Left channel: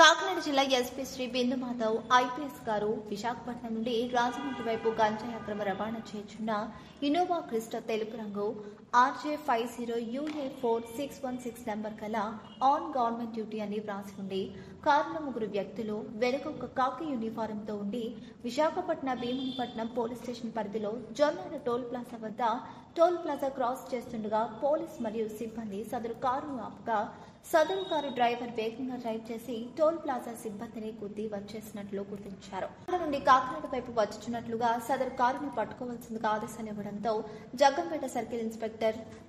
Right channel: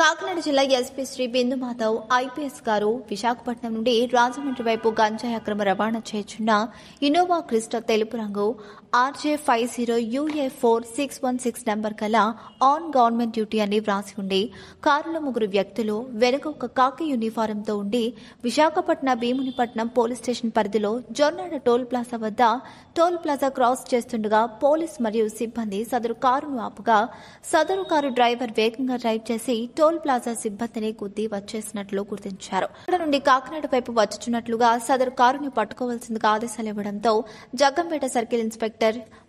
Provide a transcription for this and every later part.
కాకినాడ జిల్లా ఎస్పీ శ్రీ బిందు మాధవ్ ఐపీఎస్ గారు విశాఖపట్నం నుండి రాజమండ్రి వైపు గంజాయి అక్రమ రవాణా చేస్తున్న ఇన్నోవా క్రిస్టా తెలుపు రంగు RJ50UA4616 నంబర్ గల ఆన్ గవర్నమెంట్ డ్యూటీ అని వ్రాసి ఉండి కారులో ముగ్గురు వ్యక్తులు వెనుక ఒక కాకి యూనిఫారంతో ఉండి విశాఖపట్నం భీమునిపట్నం పోలీస్ స్టేషన్ పరిధిలో జొన్నాడ టోల్ ప్లాజా వద్ద టోల్ ప్లాజా క్రాస్ చేస్తుండగా పోలీస్ మరియు సిబ్బంది సదరు కారును ఆపగా సదరు కారు డ్రైవర్ వేగంగా డ్రైవ్ చేసి టోల్ ప్లాజా సిబ్బందిని గుద్ది వచ్చేసినట్లు గుర్తించారు. అక్కడ నుండి కాకినాడ వైపు వచ్చుచున్నట్లుగా సదరు కారుని పట్టుకోవాల్సిందిగా ఆదేశాలు ఇవ్వడంతో Jaggampeta circle inspector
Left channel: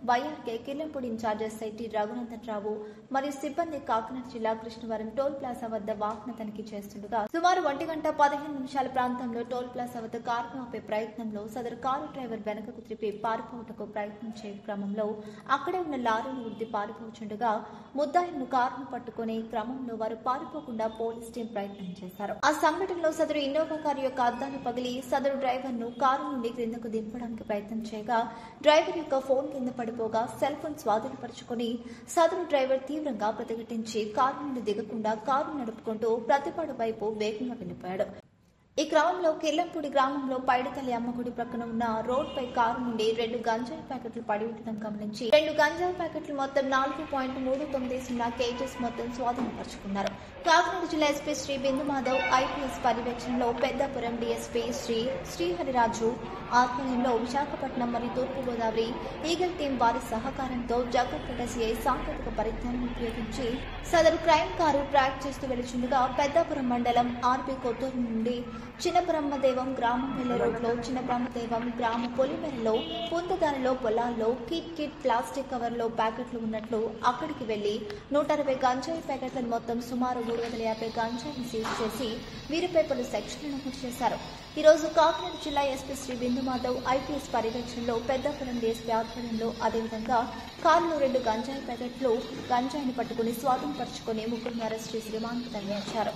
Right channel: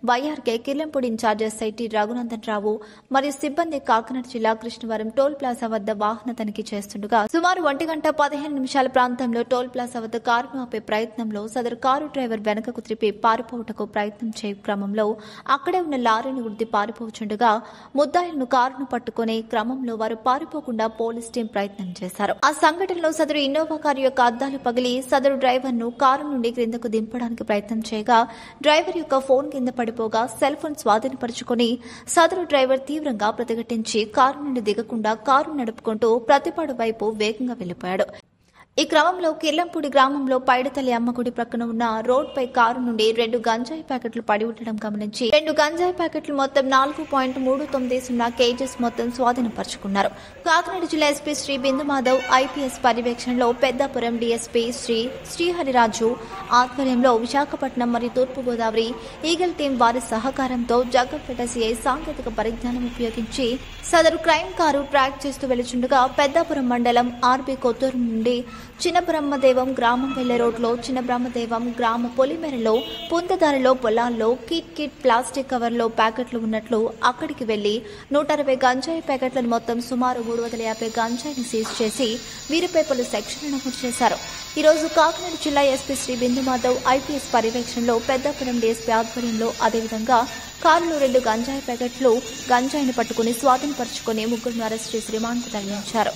YRK Kirlampudi incharge SIT Raghunandan Rao మరియు సిబ్బంది కాకినాడ జిల్లా కృష్ణవరం టోల్ ప్లాజా వద్ద వాహన తనిఖీ చేస్తుండగా సుమారు 1:15 ప్రాంతంలో టోల్ ప్లాజా వద్ద కారును ఆపే ప్రయత్నంలో సదరు కారు డ్రైవర్ వెనకకు త్రిపి పారిపోవటకు ప్రయత్నం చేయ క్రమంలో అక్కడే ఉన్న లారీని గుద్ది పారిపోతుండగా ముద్దాయిలను కారును పట్టుకునే క్రమంలో వారు పారిపోకుండా పోలీస్ టీం ప్రయత్నం చేశారు. ఆ సంఘటనలో సదరు ఇన్నోవా కారు యొక్క అద్దాలు పగిలి సదరు డ్రైవర్ ను కారు నుండి క్రిందకు దింపడానికి ప్రయత్నం చేయగా డ్రైవర్ యొక్క ఫోన్ కింద పడిపోగా సెల్ ఫోన్ స్వాధీనపరుచుకుని సదరు డ్రైవర్ తీవ్రంగా ప్రతిఘటించి కారు నుండి దిగకుండా కారు నడుపుకుంటూ ప్రతిపాడు వైపు వేగంగా వెళ్లిపోయాడు. ఈ క్రమంలో కిర్లంపూడి గ్రామంలో పైడితల్లి అమ్మగుడి ప్రక్కన ఉన్న రోడ్ పై కారు నుండి 2 గంజాయి ప్యాకెట్లు పడి ఉండడం గమనించి 2 గంజాయి ప్యాకెట్లు మొత్తం 4.39 కేజీస్ మొత్తం స్వాధీనపరుచుకున్నారు. కాకినాడ జిల్లా ఎస్పీ శ్రీ బిందు మాధవ్ ఐపీఎస్ పర్యవేక్షణలో పెద్దాపురం డీఎస్పీ శ్రీహరిరాజు ఆధ్వర్యంలో విశాఖపట్నం మరియు తూర్పుగోదావరి ఈగల్ టీం వారి సహకారంతో జగ్గంపేట సిఐ సాంకేతిక పరిజ్ఞానం ఉపయోగించి సదరు క్రైమ్ కారు ట్రాక్ చేస్తూ వెళ్తుండగా పెద్దాపురం మండలం ఆర్బీ కొత్తూరు నుండి చిన్న బ్రహ్మదేవం గ్రామం వెళ్లే రోడ్లో చిన్న బ్రహ్మదేవం గ్రామ పొలిమేరలో పుంతదారిలో పొలాల్లో కిట్ ప్లాస్టిక్ కవర్లో ప్యాకెట్లు ఉన్నట్లు అక్కడికి వెళ్లి 160 గంజాయి ప్యాకెట్లను మొత్తం సుమారు 350 గంజాయిని సీజ్ చేసి వీరిపై పలు సెక్షన్లు నమోదు చేశారు. ఈ రోజు కాకినాడ జిల్లా ఎస్పీ శ్రీ బిందు మాధవ్ ఐపీఎస్ పర్యవేక్షణలో పెద్దాపురం డీఎస్పీ ఆధ్వర్యంలో అదేవిధంగా కారులో 2 గంజాయి ప్యాకెట్లు గంజాయిని పట్టుకుని స్వాధీనపరుచుకుని ముగ్గురిని అరెస్ట్ చేసి రిమాండ్కు తరలించారు.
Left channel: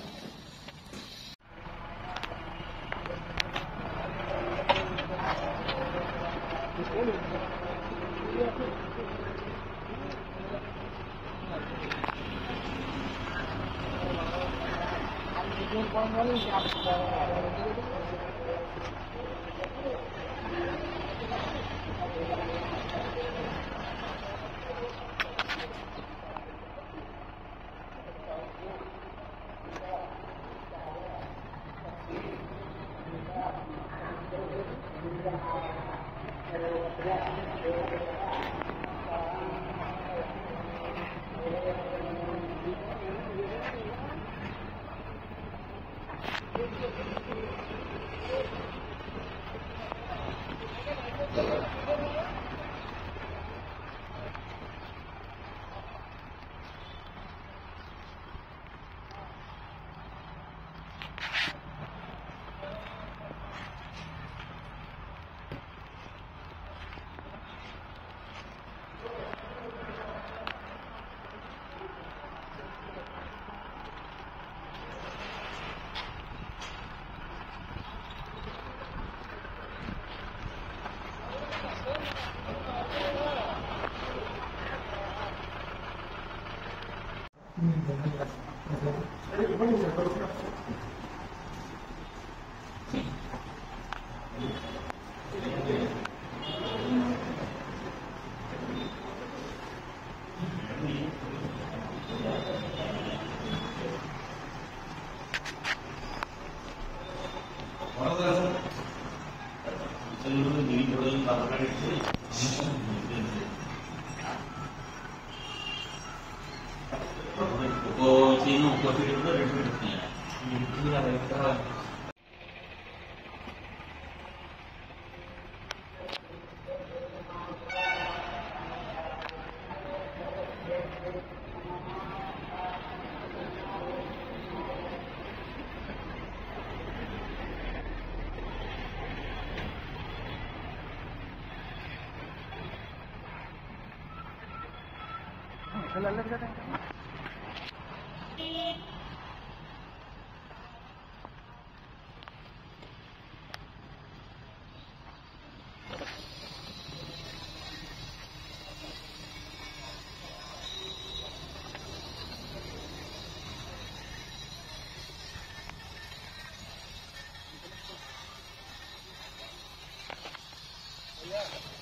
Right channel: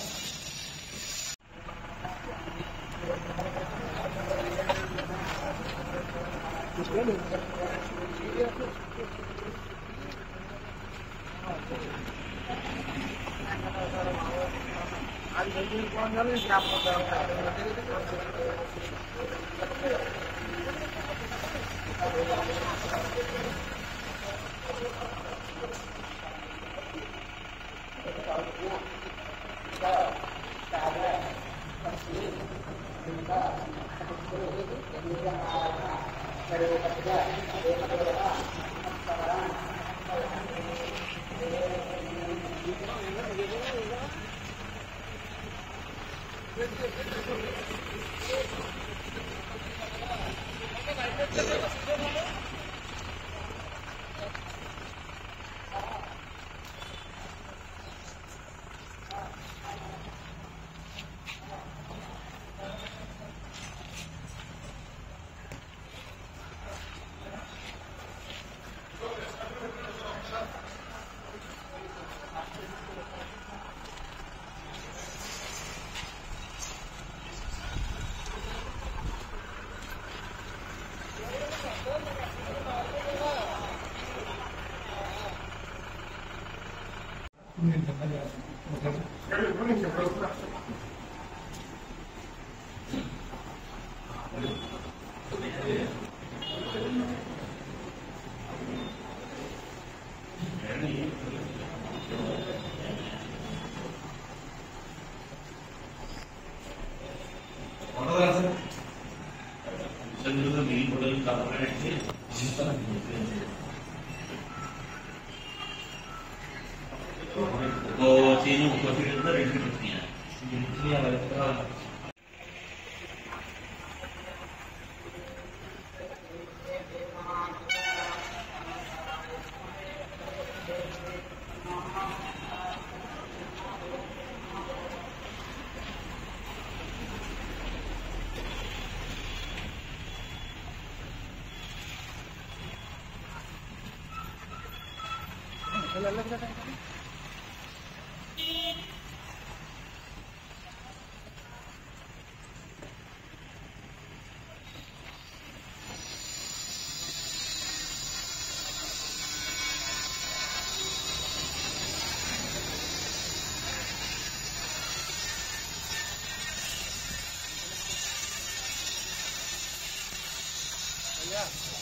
Yeah.